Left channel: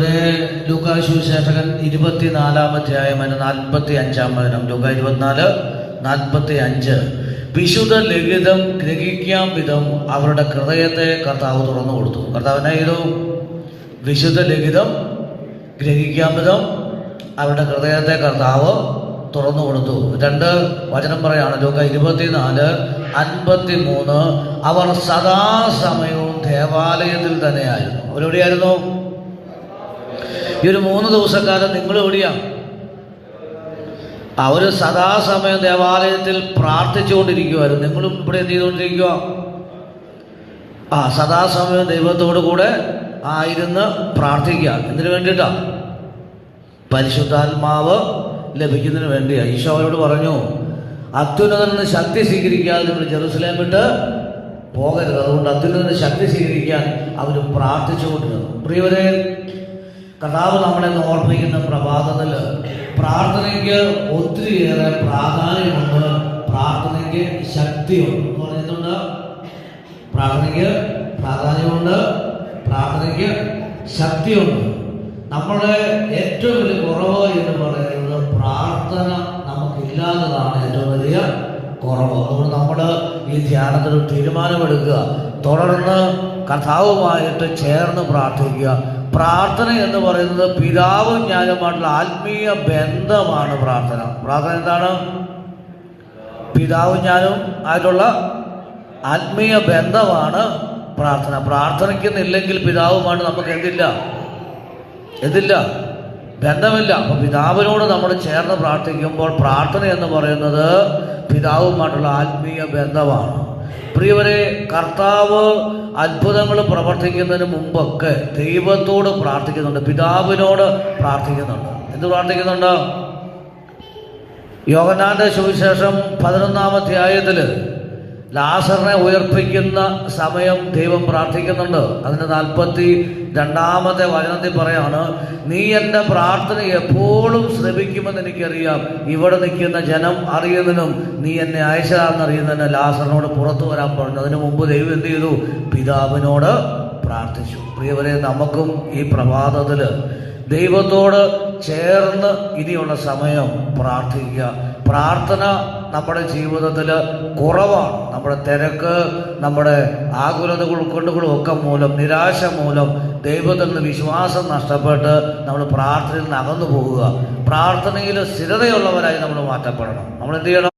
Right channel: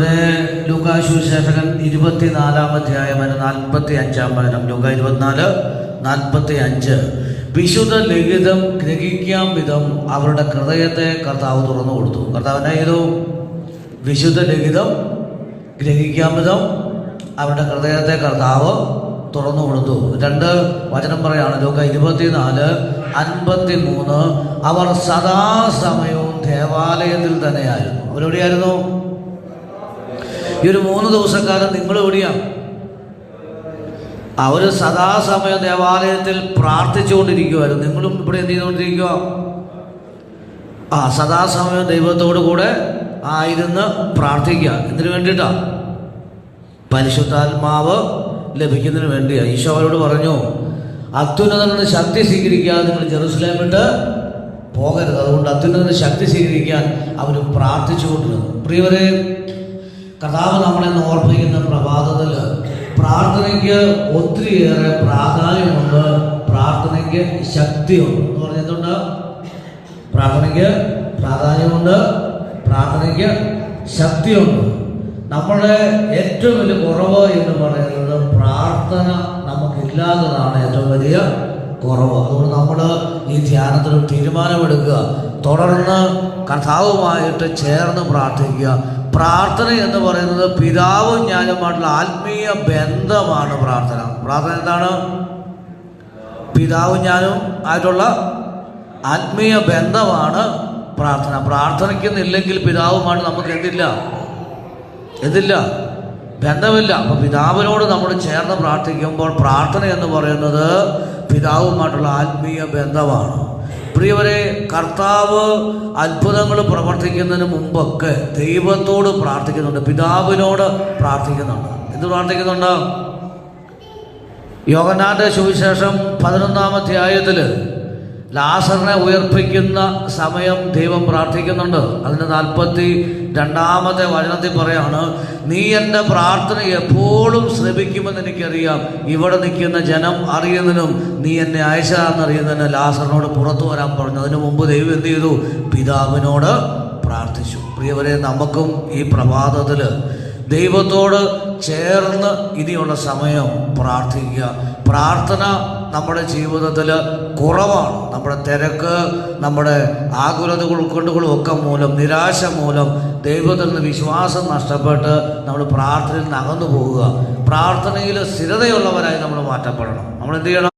പ്രിയവരെ ലൂക്കാശുശേഷകൻ ഇരുപത്തിനാലാം അധ്യായം നാൽപ്പത്തി അഞ്ചാം വചനം. ലുക്ക ഇരുപത്തിനാല് നാൽപ്പത്തി അഞ്ച് വിശുദ്ധ ലിഖിതം ഗ്രഹിക്കാൻ വിധം അവരുടെ ഹൃദയത്തെ കർത്താവ് തുറന്നു കൊടുത്തു. കർത്താവിനെ ചെയ്തു? വിശുദ്ധ ലിഖിതം ഗ്രഹിക്കാൻ വിധം അവരുടെ ഹൃദയത്തെ കർത്താവ് തുറന്നു കൊടുത്തു. രണ്ട് വചനം പറയാണ്. ലൂക്ക ഇരുപത്തിനാല് അൻപത്തി മൂന്ന് അവർ സദാസമയവും ദേവാലയത്തിൽ തന്നെയായിരുന്നു. അവരെവിടെയായിരുന്നു? ഈ ഒരു മൂന്ന് ദിവസക്കാലം നിങ്ങൾ എവിടെയാ? അവർ സദാസമയം ദേവാലയത്തിൽ പ്രാർത്ഥിച്ചുകൊണ്ടിരിക്കുവായിരുന്നു. നിങ്ങളും ഇവിടെ എന്ത് ചെയ്തുകൊണ്ടിരിക്കുക ആ സദാസമയം ദൈവത്തോടു കൂടെ ആയിരുന്ന് പ്രാർത്ഥിക്കുക. ഇതിനു വേണ്ടിയിട്ടാ പരിശുദ്ധാത്മാവ് ലഭിക്കുന്നതിന് വേണ്ടിയാ ഈശോ അവരോട് പറഞ്ഞു അത്യുന്നതന് ശക്തി സ്വീകരിക്കാതെ നിങ്ങൾ ജെറുസലേം വിട്ട് പോകരുത്. അതുകൊണ്ട് അത്യുന്നതന് ശക്തി സ്വീകരിക്കാൻ അവർ പ്രാർത്ഥിച്ചുകൊണ്ടിരുന്നു. പ്രിയവരെ കർത്താവ് നമ്മളെ ഓർപ്പിക്കുന്ന പ്രഭാതത്തിൽ പ്രാർത്ഥനയ്ക്ക് ഒത്തിരിയേറെ പ്രാധാന്യമുണ്ട്. പ്രാർത്ഥനയ്ക്ക് ശക്തിയുണ്ട്. എന്ന് പറഞ്ഞിട്ടുണ്ട് പ്രാർത്ഥനയ്ക്ക് പ്രാധാന്യമുണ്ട്. പ്രാർത്ഥനയ്ക്ക് ശക്തിയുണ്ട്. നമ്മുടെ ഏറ്റവും വലിയ കുറവ് എന്ന് പറയുന്നത് പ്രാർത്ഥന നമുക്കില്ലാത്തതാണ് ഏറ്റവും വലിയ കുറവ്. അതുകൊണ്ട് നമ്മൾ ഈ ധ്യാനത്തിൽ ഒരു തീരുമാനമെടുക്കുക. തുടർന്ന് കഥാവുമായിട്ട് ചേർന്ന് പ്രാർത്ഥിക്കുക. പ്രാർത്ഥന എന്ന് പറയുന്നത് പിതാവും ഞാനുമായിട്ടുള്ള ആത്മീയ ബന്ധമാണ് പ്രാർത്ഥന. പ്രാർത്ഥന എന്താണ്? പിതാവും ഞാനും ആയിട്ടുള്ള ആത്മീയ ബന്ധമാണ് പ്രാർത്ഥന. പ്രാർത്ഥനയ്ക്കുന്നില്ലെങ്കിൽ പിതാവുമാണ് നമുക്ക് എന്തില്ല? എന്തില്ല? ബന്ധമില്ല. അപ്പൊ പിതാവിനോട് നമ്മൾ ചേർന്ന് പ്രാർത്ഥിക്കുമ്പോൾ പ്രാർത്ഥന എന്ന് പറയുന്നത് പിതാവുമായിട്ടുള്ള ആത്മീയ ബന്ധമാണ്. പ്രിയവരെ കർത്താവ് അത്ഭുതങ്ങൾ പ്രവർത്തിക്കുന്നതിന് മുമ്പൊക്കെ ദൈവത്തോട് പ്രാർത്ഥിക്കുന്നുണ്ട് പിതാവിനോട് പ്രാർത്ഥിക്കുന്നുണ്ട്. എന്ത് പ്രാർത്ഥിക്കുന്നുണ്ട്? യോഗനാന്റെ സുവിശേഷം പതിനൊന്നാം അധ്യായത്തിൽ ലാസറിനെ ഉയർപ്പിക്കുന്ന സമയം ദൈവം പ്രാർത്ഥിക്കുന്നുണ്ട്. അതിന് നാൽപ്പത്തി രണ്ടാമത്തെ വചനത്തിൽ പറയാണ് നീ എന്റെ പ്രാർത്ഥന എപ്പോഴും ശ്രമിക്കുമെന്ന് എനിക്കറിയാം. ഇവിടെ നിൽക്കുന്ന ജനം അറിയുന്നതിനും നീ എന്നെ അയച്ചാണെന്നറിയുന്നതിന് ലാസറിനോട് പുറത്തു വരാൻ പറഞ്ഞു. അതിനു മുമ്പ് ദൈവം എന്ത് ചെയ്തു? പിതാവിനോട് പ്രാർത്ഥിച്ചു. പ്രിയവരെ നമുക്കും ഈ പ്രഭാതത്തിൽ ദൈവത്തോട് ചേർന്ന് ഇനിയുള്ള സമയം പ്രാർത്ഥിക്കുക. പ്രാർത്ഥന നമ്മുടെ ജീവിതത്തിൽ കുറവാണ്. നമ്മുടെ തിരക്ക് നമ്മുടെ ആകുലതകൾ ഉൾക്കൊണ്ടുകളും ഒക്കെ മൂലം നിരാശ മൂലം ദൈവത്തിൽ നിന്ന് വിശ്വാസം നഷ്ടപ്പെട്ട് നമ്മൾ പ്രാർത്ഥനയിൽ നിന്ന് അകന്നു പോകുക. പ്രാർത്ഥനയിൽ സ്ഥിരതയുള്ളവരായി നമ്മൾ മാറ്റപ്പെടണം. നമ്മൾ എന്ത് ചെയ്യണം?